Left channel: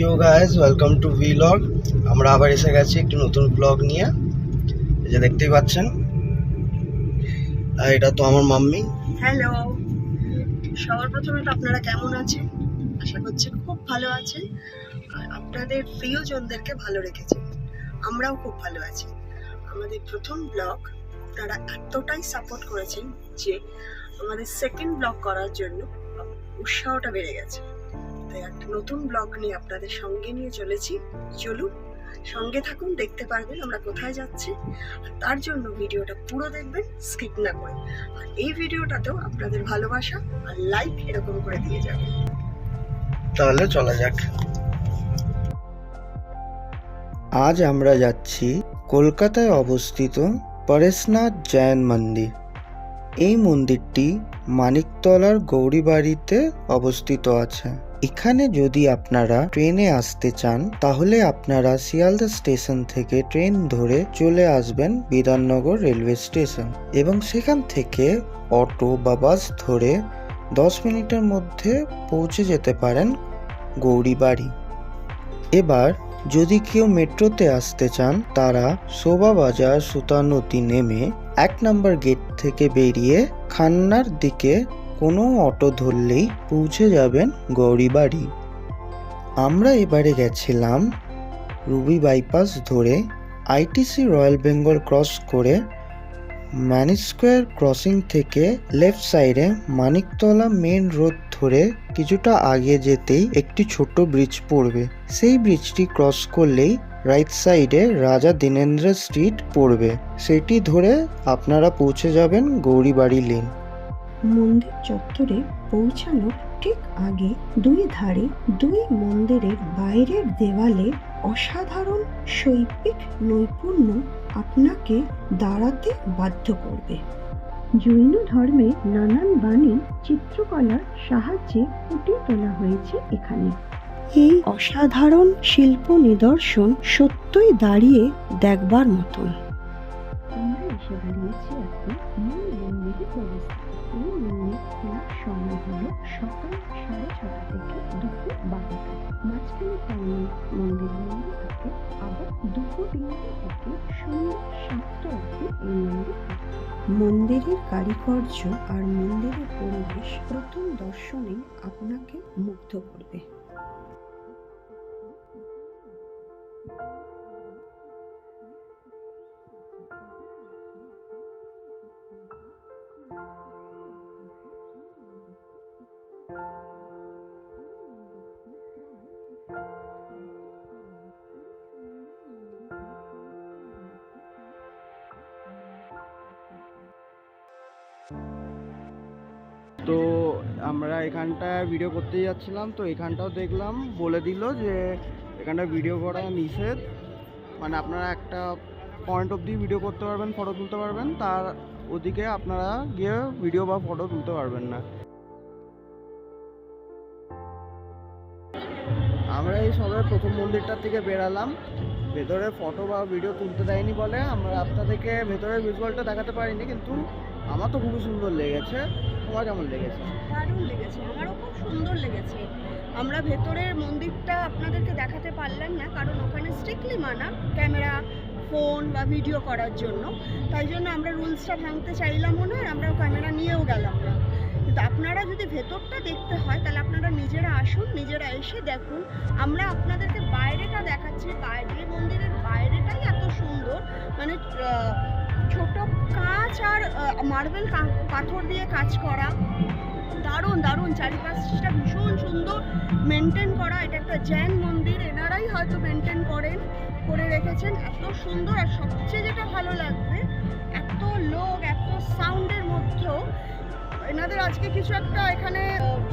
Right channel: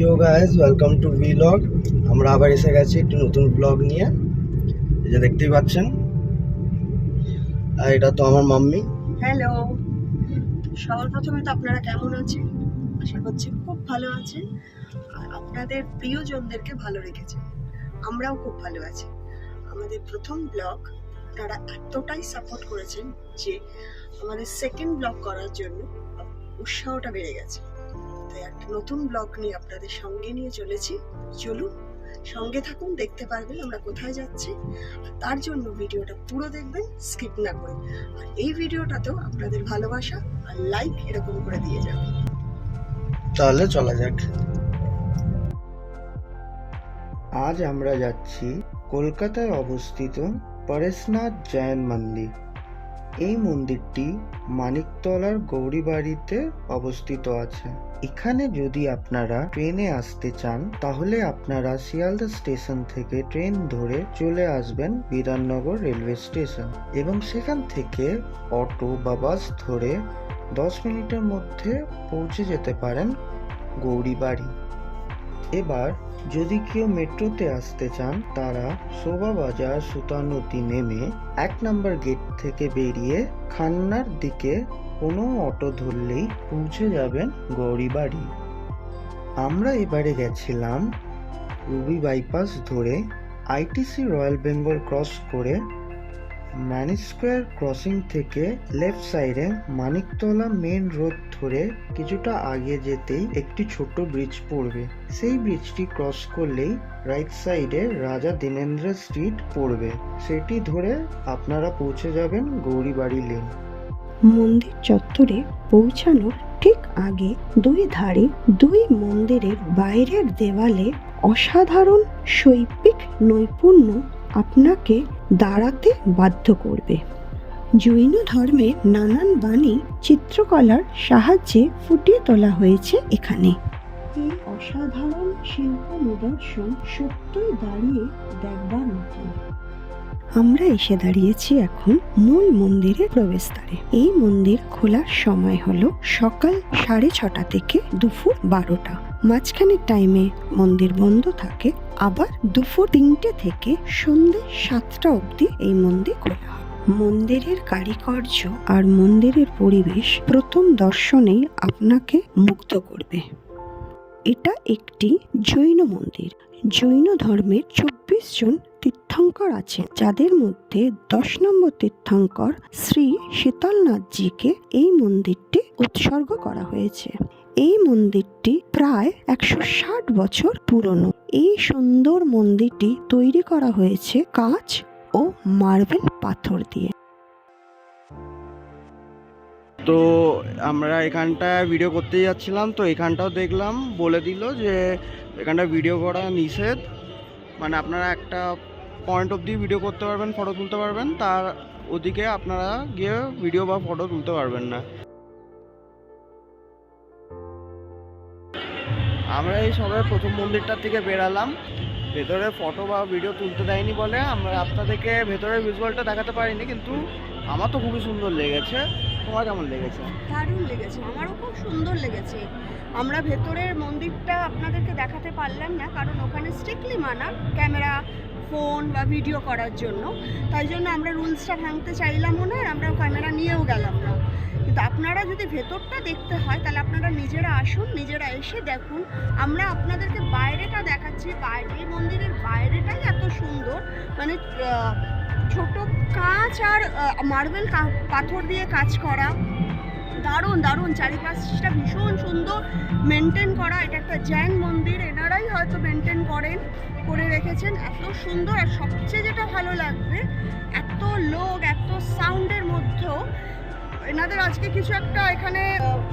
Yo guys, welcome to vlog. আমরা আবার এসে গেছি একটি নতুন ব্লগ নিয়ে। এই যে দেখতেই পাচ্ছেন, আর এটা তো আমার মাম্মি। হ্যালো, সবার প্রথমে তো আপনারা কেমন আছেন? আশা করছি খুব ভালো আছেন আর আপনাদের প্রিয়জনদেরকে ভালো রেখেছেন। আমরাও খুব ভালো আছি। আমাদের প্রথম ব্লগ আপনারা এতটাই সাপোর্ট করেছেন যে আমাদের সেকেন্ড ব্লগ করার জন্য উৎসাহটা বেড়ে গেছে। তাই একটা নতুন ব্লগ নিয়ে আপনাদের সঙ্গে নিয়ে চলেছি। চলুন সঙ্গে থাকুন, দেখতে পারবেন আমরা কোথায় যাচ্ছি। আর তার জন্য ভিডিওটা পুরো দেখবেন, স্কিপ না করে। আর এই ভিডিওটাতেও আপনাদের ভালোবাসা আর লাইক এরকম করে দিয়ে যাবেন। তাহলে চলা যাক। আজ আমরা যাচ্ছি কলকাতায় অবস্থিত পরেশনাথ জৈন মন্দির। এই মন্দিরটি মানিকতলার গৌরীবাড়িতে অবস্থিত আছে। এখানে যদি আপনারা ট্রেনে আসতে চান তাহলে আপনারা শিয়ালদা স্টেশন থেকে ট্রেন ধরে চলে আসবেন বিধাননগর রেলওয়ে স্টেশন এবং সেখান থেকে অটো বা বাস ধরে 10 মিনিটের মধ্যে পৌঁছে যেতে পারেন গৌরীবাড়ি। এবার যদি কেউ মেট্রোতে আসতে চান তারা শোভাবাজার সুতানতি নেমে 1 নম্বর গেট থেকে বেরিয়ে খান্নার দিকে কোনো অটো ধরলেই পৌঁছে যাবেন গৌরীবাড়ি। আমরা এবারে গেছিলাম রুবি বাইপাস ধরে আইটিসি রয়্যাল বেঙ্গল ক্রস করে ম্যানিক স্কোয়ার ক্রসিং থেকে লেফট সাইডে মানিকতলা মেন রোড ধরে কিছুটা আগে যেতেই একটি ছোট ব্রিজ পড়বে। সেই ব্রিজটি ক্রস করলেই রাইট সাইডে রাজা দীনেন্দ্র স্ট্রিট পড়বে। সেটি ধরে আপনারা পৌঁছে যাবেন গৌরীবাড়ি লেন। মন্দির চত্বরে পৌঁছানোর ঠিক আগে দুই ধারে দুই মন্দিরের বাইরের দেওয়ালে অসাধারণ শৈল্পিক নৈপুণ্য আপনাকে দাঁড়াতে বাধ্য করবে। জৈন ধর্মের নানান বাণী চিত্রকলার সাহায্যে ফুটিয়ে তোলা হয়েছে এখানে। এই অসাধারণ শিল্প নিদর্শন সত্যই দাঁড়িয়ে দেখবার মতন। আমরা এসে দাঁড়িয়েছি এখন মূল মন্দিরের প্রবেশদ্বারে। এই মন্দির খোলার সময় হলো সকাল 6:30 থেকে দুপুর 12টা। মাঝখানের টাইমে মন্দির বন্ধ থাকে, আবার দুপুর 3টে থেকে সন্ধ্যে 7টা অবধি এই মন্দির খোলা হয়। মন্দিরের কারিকার্য আর মন্দিরের পরিবেশ প্রথম দর্শনেই আপনাকে মুগ্ধ করবে। এটা একটি জৈন মন্দির। জৈন ধর্মের 24 জন তীর্থঙ্কর আছে, যাদের মধ্যে 10 নম্বর তীর্থঙ্কর শ্রী শীতলনাথজিকে এই মন্দিরটি উৎসর্গ করা হয়েছে। এই মন্দিরটি প্রায় 160 বছর পুরনো। এই সুন্দর মন্দিরটি তৈরি করা হয়েছে কাঁচ ও মার্বেল পাথর দিয়ে। তো আমরা এখানটায় ভিডিও করতে যাচ্ছিলাম, তো এখানটাও দেখলাম বলে দিল যে এখানটা ভিডিও করা নিষেধ। মানে আপনারা একটা পয়েন্ট অবধি ভিডিও করতে পারবেন, ফটো তুলতে পারবেন, তার ওদিকে আপনারা গিয়ে ভিডিও বা ফটো তুলতে পারবেন না। আমরা এই সবে প্রথম মন্দিরটার থেকে বেরালাম। ভেতরে ফটো বা ভিডিও তুলতে দেয়নি বলে আমরা আপনাদেরকে ভেতরের ভিজুয়ালটা দেখাতে পারিনি, কিন্তু আমার তো খুবই সুন্দর লেগেছে। তোমার কেমন লেগেছে? দারুণ লেগেছে, আমারও খুব সুন্দর লেগেছে। আমরা ভেতরের মন্দিরটা আপনাদেরকে দেখাতে পারলাম না, কারণ ওখানে স্ট্রিক্টলি মানা ক্যামেরা, ফোন বা ভিডিও করার জন্য। তাই জন্য আমরা রুলসটা ভাঙতে চাইলামও না, আমরা ক্যামেরা নিয়েও গেলাম না। কিন্তু আপনারা যদি ভেতরটা দেখতে হয় তাহলে আপনারা নিজেরা আসুন, নিজেরা এসে দেখুন। আমরা আপনাদেরকে বাইরেটা দেখাচ্ছি। বাইরে মন্দিরের বাইরেটাই এত সুন্দর, মানে ছোট কাঁচ আর মার্বেল পাথর দিয়ে কাজ করা, দারুণ দারুণ। চারিপাশটা ভীষণ সুন্দর মেনটেন করা। এটা একটা জৈন মন্দির, এনারাই হয়তো মেনটেন করে রেখেছেন, এত সুন্দর। আর সবচেয়ে যেটা ভালো লাগবে, এত লোক, এত সাউন্ডের মধ্যেও এনাদের আজকে কিছু একটা এখানে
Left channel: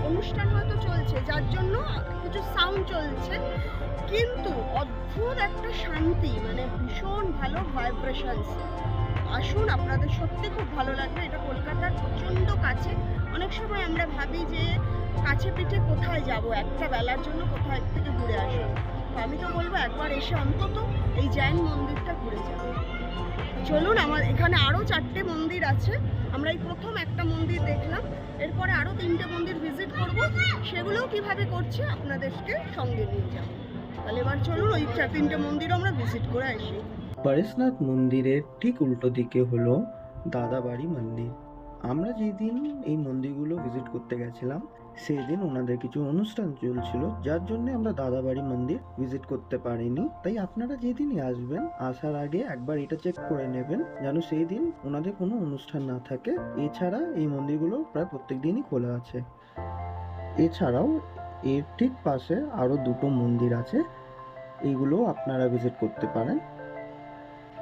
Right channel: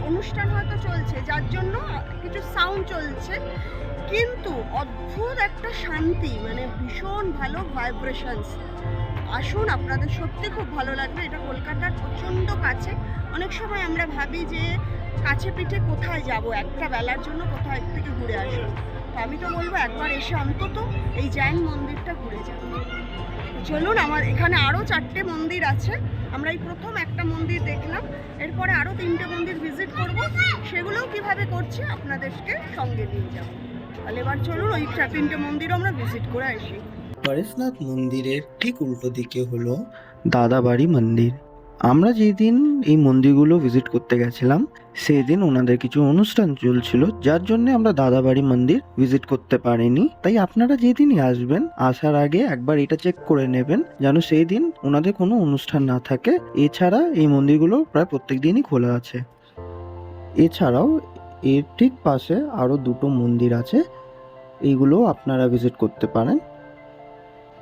অনুষ্ঠান হয়তো চলছে, যার জন্য কিছু সাউন্ড চলছে, কিন্তু অদ্ভুত একটা শান্তি, মানে ভীষণ ভালো ভাইব্রেশনস। আসুন, আপনাদের সত্যি খুব ভালো লাগবে। এটা কলকাতার প্রচণ্ড কাছে। অনেক সময় আমরা ভাবি যে কাছে পিঠে কোথায় যাব, একটা বেলার জন্য কোথায় থেকে ঘুরে আসুন। তো আমি তো বলবো একবার এসে অন্তত এই জৈন মন্দিরটা ঘুরে যাবে। চলুন, আমার এখানে আরও 4টে মন্দির আছে। আমরা এই প্রথম একটা মন্দির দেখলাম, এরপরে আরও 3টে মন্দির ভিজিট করব। সেগুলোও কিভাবে করছি আপনাদেরকে সঙ্গে নিয়ে যাব। তাহলে এবার চলুন ওই 4-3টে মন্দির আমরা ভিজিট করে আসি। পরেশনাথ মন্দিরের ঠিক উল্টো দিকে হলো দাদাবাড়ি মন্দির। আমরা যেদিন এই মন্দিরগুলো ভিজিট করতে গেছিলাম সেই দিন ওনাদের কিছু অনুষ্ঠান চলছিল, যার জন্য আমরা দাদাবাড়ি মন্দির ভিজিট করতে পারিনি। তাই আপনারা যেদিনই আসবেন আসার আগে একবার এটা চেক করে নেবেন যেন সেই দিন ওনাদের কোনো অনুষ্ঠান না থাকে। এছাড়া এই মন্দিরগুলো প্রায় প্রত্যেক দিনই খোলা আছে। এছাড়াও এর ঠিক পাশে আরও দুটো মন্দির আছে, এইগুলো আপনারা ভিজিট করতে পারেন।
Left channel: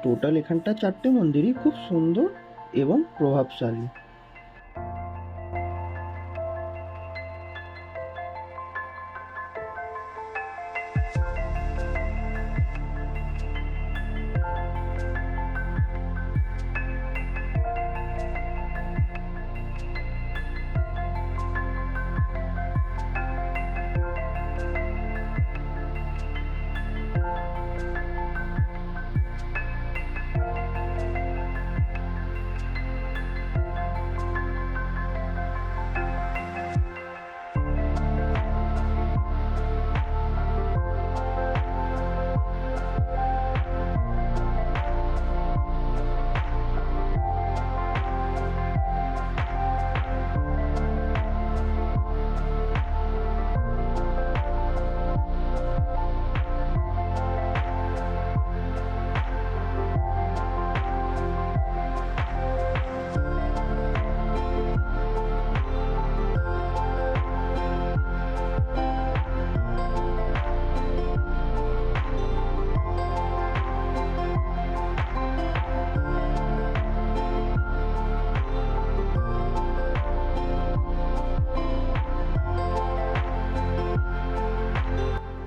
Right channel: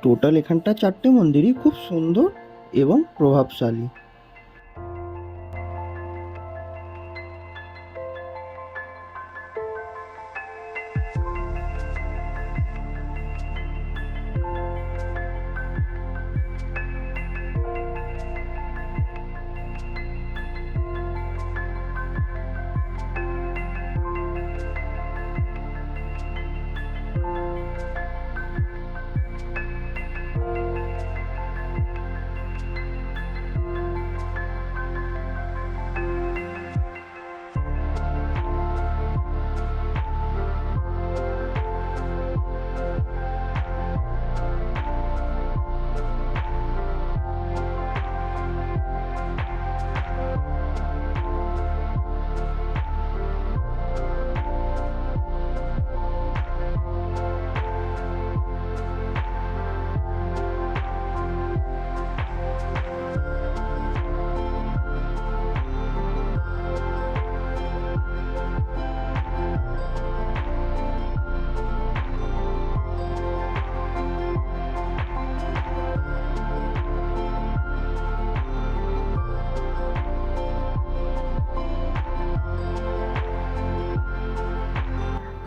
টোটাল এখানটা 4টে মন্দিরই খুব সুন্দর এবং প্রভাবশালী।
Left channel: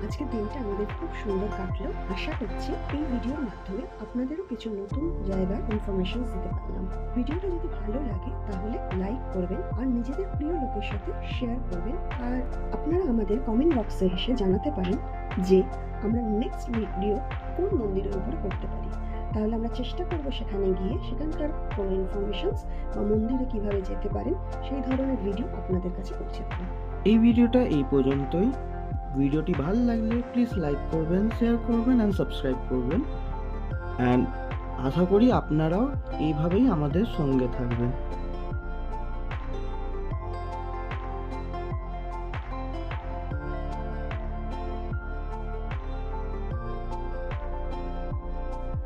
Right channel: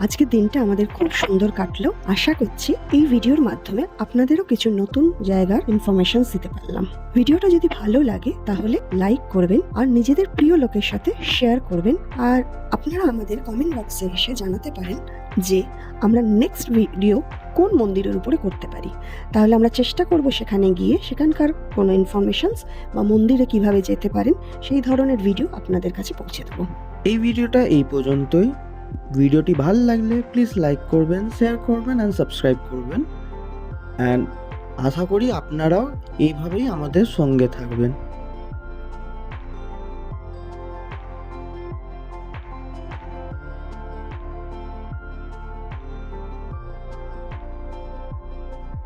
আজকের দিনটা আমাদের খুব সুন্দর কাটলো। আশা করছি এই ভিডিওর মাধ্যমে আপনাদেরও কিছু নতুন জায়গার ইনফরমেশন দিতে পারলাম। ভিডিওটা যদি ভালো লাগে তাহলে লাইক করবেন আর নিজেদের প্রিয় লোকের সাথে শেয়ার করবেন। আর আপনারা আমাদের কমেন্ট বক্সে এসে জানাতে পারেন যে আমরা নেক্সট ভিডিও কোন মন্দিরের উপরে করতে পারি। তাহলে আমরা চেষ্টা করব সেখানে গিয়ে সেখানকার কোনো ইনফরমেশনস বা মন্দিরে কিভাবে যেতে পারেন সেই ধরনের ভিডিও আপনাদের কাছে পৌঁছে দেবো। এই ভিডিওটা এই পর্যন্তই। ভিডিওটি ভালো লাগলে প্লিজ লাইক করবেন, শেয়ার করবেন অ্যান্ড সাবস্ক্রাইব করবেন। অ্যান্ড আশা করি আপনারাও এইভাবেই আমাদের সঙ্গে থাকবেন।